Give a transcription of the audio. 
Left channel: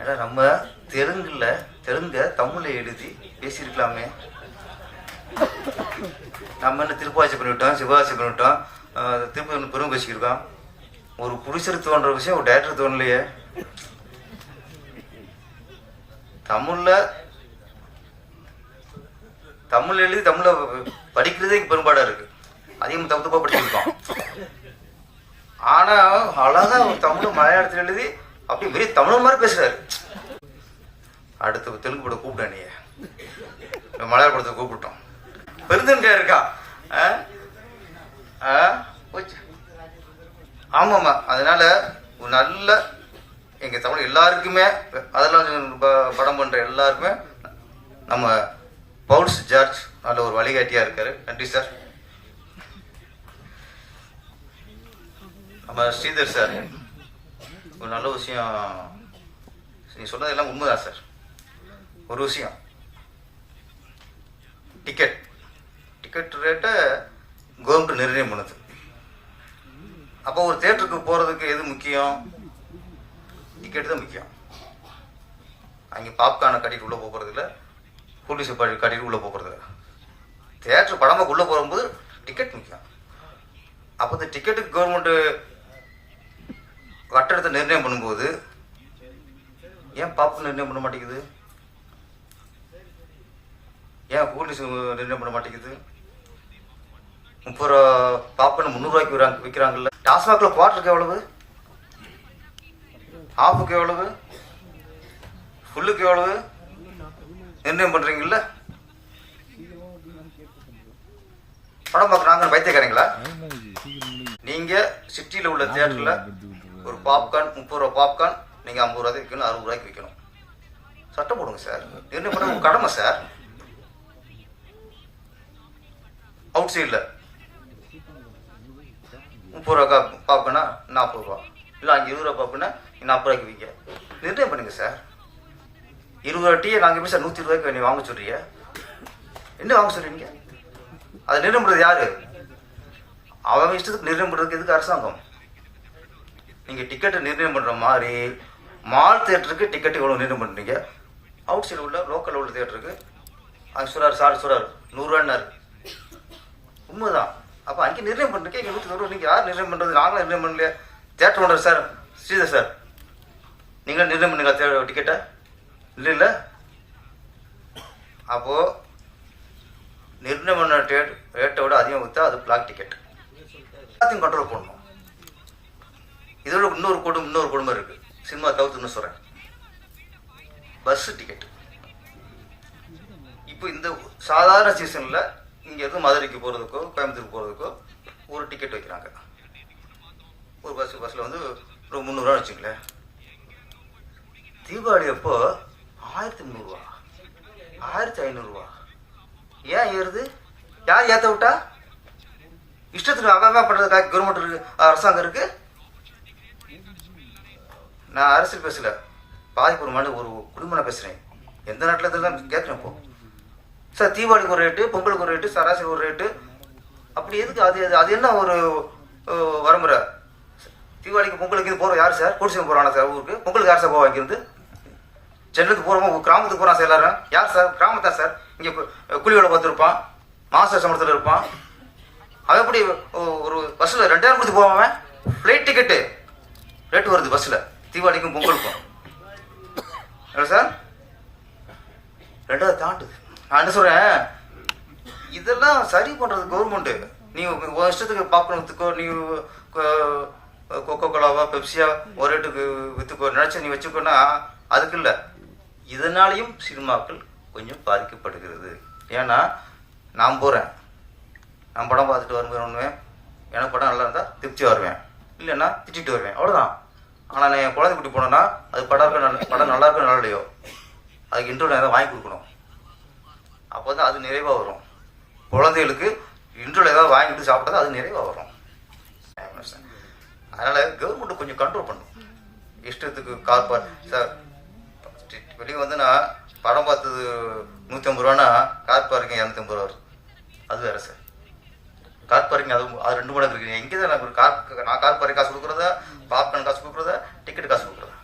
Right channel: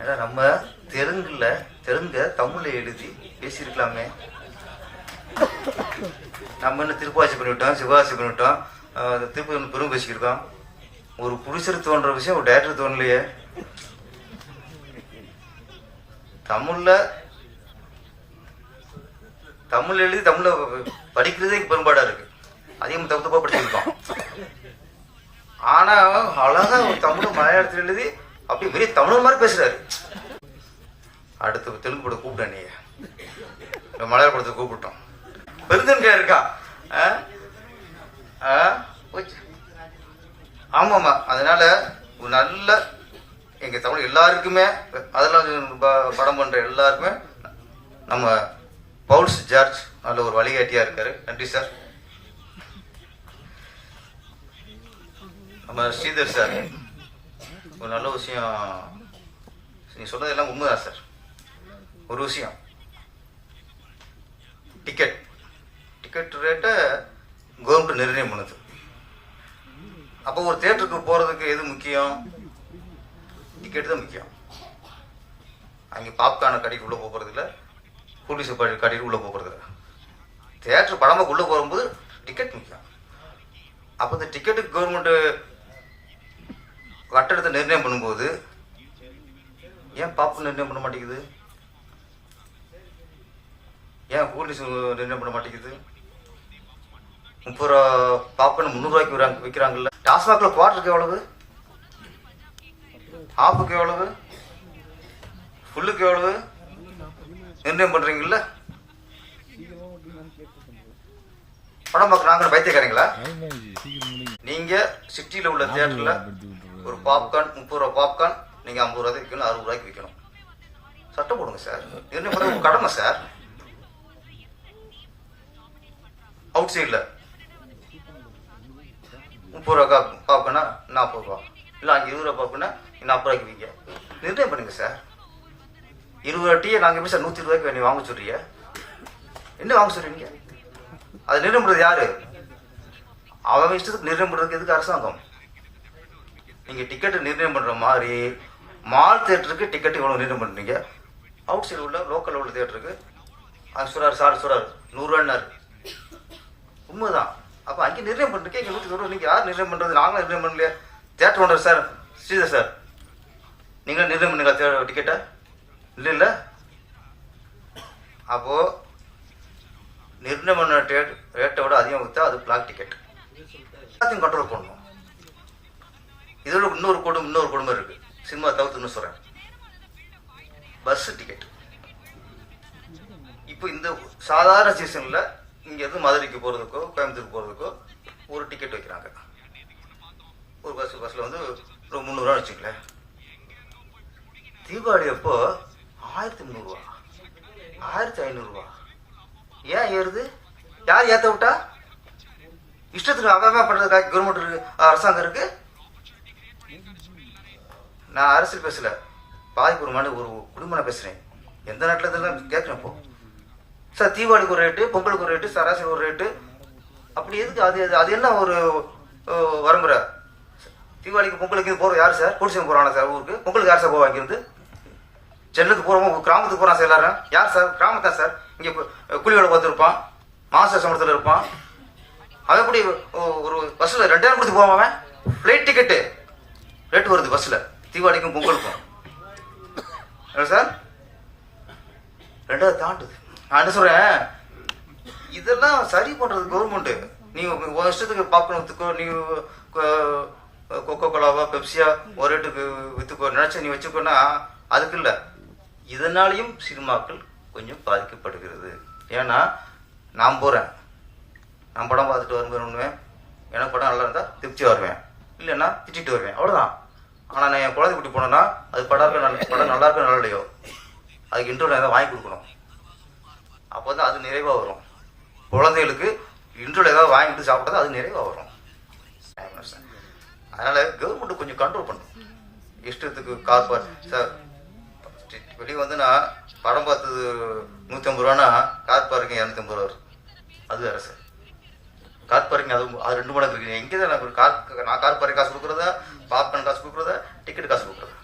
ஏன்னா நம்ம தெலுங்குல தெலுங்க தமிழ்ல எழுதி பேசியிருக்கலாமே. நம்ம என்ன திருப்பாச்சி பண்ணிவிட்டோம் சிவாசி பண்ணிவிட்டோம் ஆஹ் திருப்பதி வந்து பெரும் பேசியிருக்கோம் ஒரு புருஷர் தோன்ற விஷயம் ஒரு டேரக்டர் தோணலையே. தமிழ்ல தமிழ் எழுதி தமிழ படிக்கிறதே பெரும்பாடா இருக்கு. அதையும் தப்பு தப்பா படிச்சிருக்கோம். ஆனா அழகா ஒரு தமிழ் மலையாளத்தில் எழுதி அப்படி வெறும் தமிழ் மாதிரி பேசுறாரு. அடுத்து தெலுங்கு படம் கூப்பிட்டேன் நீ மலையாள படத்தை கூப்பிட்டோம். பெருந்தன்கா இருக்கா? ஆ? ஆ? ஆமாமா அதனால ஒரு நல்ல எங்க தமிழ் எல்லாருக்குமே அதெல்லாம் ப- படம் பண்ற எல்லாருக்குமே நம்ம பவுல்ஸ் ஜார்ஜ் நல்ல ஒரு வழிகாட்டியா இருக்காரு. நன்றி சார். நம்ம ஸ்ரீதர் சார். ஒரு நல்ல விஷயம். நீ சொன்னது எல்லாம் உண்மைதான் சார். ஒரு விஷயம். டிக்கெட் டிக்கெட் ரேட்டை கவர்மெண்ட் நிர்ணயம் பண்ணுது. அப்போ ஒரு தேட்டருக்கு போறதுக்கு எது முக்கியம்? டிக்கெட் தான் முக்கியம். அங்கே பாப்கார்னை கட்டிட்டு உள்ள போகிறது இல்லை. போலீஸை படி கட்டிட்டு உள்ள போகிறது இல்லை. தேட்டர் படமாக உள்ள போகும்போது டிக்கெட் முக்கியம். அப்போ இந்த டிக்கெட்டுக்கு கவர்மெண்ட்டு கட்டடத்தை நிர்ணயம் பண்ணும்போது ஏன் பாப்பு நிர்ணயம் பண்ண மாட்டேங்குது? ஏன் போலீஸ் நிர்ணயம் பண்ண மாட்டேங்குது? முப்பது ரூபா பாப்பன் முந்நூறுவாய்க்கு விற்கிறாங்க விற்கிறாங்கல்ல. டாஸ்மாக்ல குவார்டருக்கு எவ்வளவு? ஹாஃபுக்கு எவ்வளவு? ஃபுல்லுக்கு எவ்வளவு? நிர்ணயம் பண்றீங்கல்ல? படம் பார்க்குறாங்க பைத்தியக்காரங்களா? நீங்க சிட்டியில உள்ள தியேட்டர்ல ஒரு பாப்கார்ன் முப்பது ரூபா பாப்கார்ன் நீங்க ஐம்பது ரூபாய்க்கு விற்கணும் அறுபது ரூபாய்க்கு விற்கணும் சட்டம் போடுங்க சார். என்ன பண்ண கடமை சார்? அவுட் சைடில் முப்பது ரூபா பாப்கார்னா நாற்பது ரூபா. இல்லை அங்கே இருபது ரூபா பாப்கார்னா நாற்பது ரூபாய்க்கு விற்க நிர்ணயம் பண்ணுங்க சார்? இருபது ரூபா டீயை நாங்கள் சார் நூற்றி ரூபாய்க்கு நீ வாங்க சொல்றீங்க? என்ன வாங்க சொல்றீங்க? அதை நிர்ணயம் பண்ணுறது யாரு? அவன் இஷ்டத்துக்கு நிர்ணயம் பண்ணுறதுக்கு எதுக்கு அரசாங்கம்? நீங்கள் டிக்கெட்டை நிர்ணயம் பண்ணுற மாதிரி மால் தேட்டருக்கு டிக்கெட் இவ்வளோ நிர்ணயம் பண்ணுறீங்க அவுட் சைடு உள்ள லோக்கல் உள்ள தேட்டருக்கு அது சொல்றாரு சார் சொல்றாரு நூறுரூவான்னாரு உண்மைதான். அப்போ அங்கே நிர்ணயம் பண்ணுறீங்க இங்கே நூற்றி நூறு யார் நிர்ணயம் பண்ணுறது நாங்களும் நிர்ணயம் பண்ணலையே. Theatre owner sir Sridhar sir. நீங்களும் நிர்ணயம் பண்ணுங்க டிக்கெட்டை இல்லை இல்லை. அப்போது நிர்ணயம் பண்ண ரேட்டை விட அதிகம் விற்றா அது பிளாக் டிக்கெட் எல்லாத்தையும் கண்ட்ரோல் பண்ணணும். இதோட இன்னொரு குடும்பம் இன்னொரு குடும்பம் இருக்கு. சினிமா தவிர்த்துன்னு சொல்றேன். பஸ் டிக்கெட் இப்போ இந்த சாதாரண சீசன்ல இங்க இருந்து மதுரைக்கு போறதுக்கோ கோயம்புத்தூர் போறதுக்கோ ஒரு டிக்கெட் வைக்கிறாங்க. ஒரு பஸ் பஸ்ல வந்து ஒரு முந்நூறுவா வச்சுங்களேன் தீபாவளி அப்போ ஆயிரத்தி முந்நூறுவா ஆயிரத்தி ஐநூறுரூவா ஏன் ஏறுது? யார் ஏத்த விட்டா? இஷ்டத்துக்கு அவன் அவன் பண்றதுக்காக கவர்மெண்ட் இருக்கு அரசாங்கம் இருக்கு. நான் அரசியல் பேசல. பாதிப்பூர்வமான ஒரு குடும்பம் பேசுறேன். எந்த நாட்டில் இருந்தாலும் கேட்குறேன் இப்போ. சார் தீபாவளிக்கு ஒரு ரேட்டு பொங்கலுக்கு ஒரு ரேட்டு சராசரி ஒரு ரேட்டு அப்படி எதுக்கு? அது அது- அது என்ன ஒரு அஹ், வரம்புற தீபாவளிக்கு பொங்கலுக்கு போகிற போகிறோம் யார் சார்? போலீஸ் போகிறானா சார் ஊருக்கு? பொங்கலுக்கு யார் சார் போவா இங்கேருந்து சென்னைக்கு போகிறோம் கிராமத்துக்கு போகிறான் சார் எல்லாரும். யார் சார்? கிராமத்தான் சார். இங்கே கூலி வேலை பார்த்துருப்பான். மாச சம்பளத்தில் இருப்பான். அவன் எப்படி ஒரு பஸ்ஸில் ரெண்டாயிரம் கொடுத்து போவான் அவன்? ஃப்ளைட் டிக்கெட்டு ரேட்டு வருது பஸ்ஸில் தீபாவளிக்கும் பொங்கலுக்கும் என்ன சார்? ரெண்டாவது தாண்டுது நான் என்ன சொல்றேன்? இதெல்லாம் சரி பண்றது கவர்மெண்ட் நீ ஒரு இஷ்டத்துக்கு பாப்கார்ன் வித்துக்கோ நீ கொக்கோ கோலாவா பெப்சியா ஒரு ரேட்டுக்கு வித்துக்கோ நினைச்ச நீ வச்சுக்கோன்னா அதுக்கு இல்ல. இதனாலையும் சினிமாக்கள் கொஞ்சம் பாதிக்கப்படுகிறது. ஏன்னா நான் போறேன். நான் படம் பார்த்துட்டு வரும்போது ஒண்ணுவேன். எனக்கு படம் நல்லா இருந்தா திருப்தி வருவேன். இல்லைன்னா திட்டிட்டு வருவேன். அவ்வளவுதான். ஆனால் நான் என் குழந்தை குட்டி போனேன்னா அது படம் இருக்க நல்ல படம் நல்லா இருக்கோ நல்லா இல்லையோ? அதுக்கு இன்டர்வியூ ஏதாவது வாங்கி கொடுக்கணும். அப்போ தான் அது நிறைவாக வரும். குழந்தைகளுக்கு இன்டர்வியூ ஏதாவது வாங்கிட்டு சாப்பிட்டா அது நிறைவாக வரும். அதனால் கவர்மெண்ட் கொஞ்சம் கண்ட்ரோல் பண்ணும். இஷ்டத்துக்கு கார் சார் வெளியே வந்து நான் படம் பார்த்தது நூற்றி ஐம்பது ரூபானா கார் பார்க்கிங் இரநூத்தம்பது ரூபா வருது அது வேறு சார். கார் பார்க்கிங் அது அது ரெண்டு மடங்கு இருக்கு. எங்கே தான் நான் ஒரு கார் நான் கார் பார்க்கிங் காசு கொடுக்குறதா பாப்கார்ன் காசு கொடுக்குறதா? டிக்கெட் காசு கொடுக்குறதா?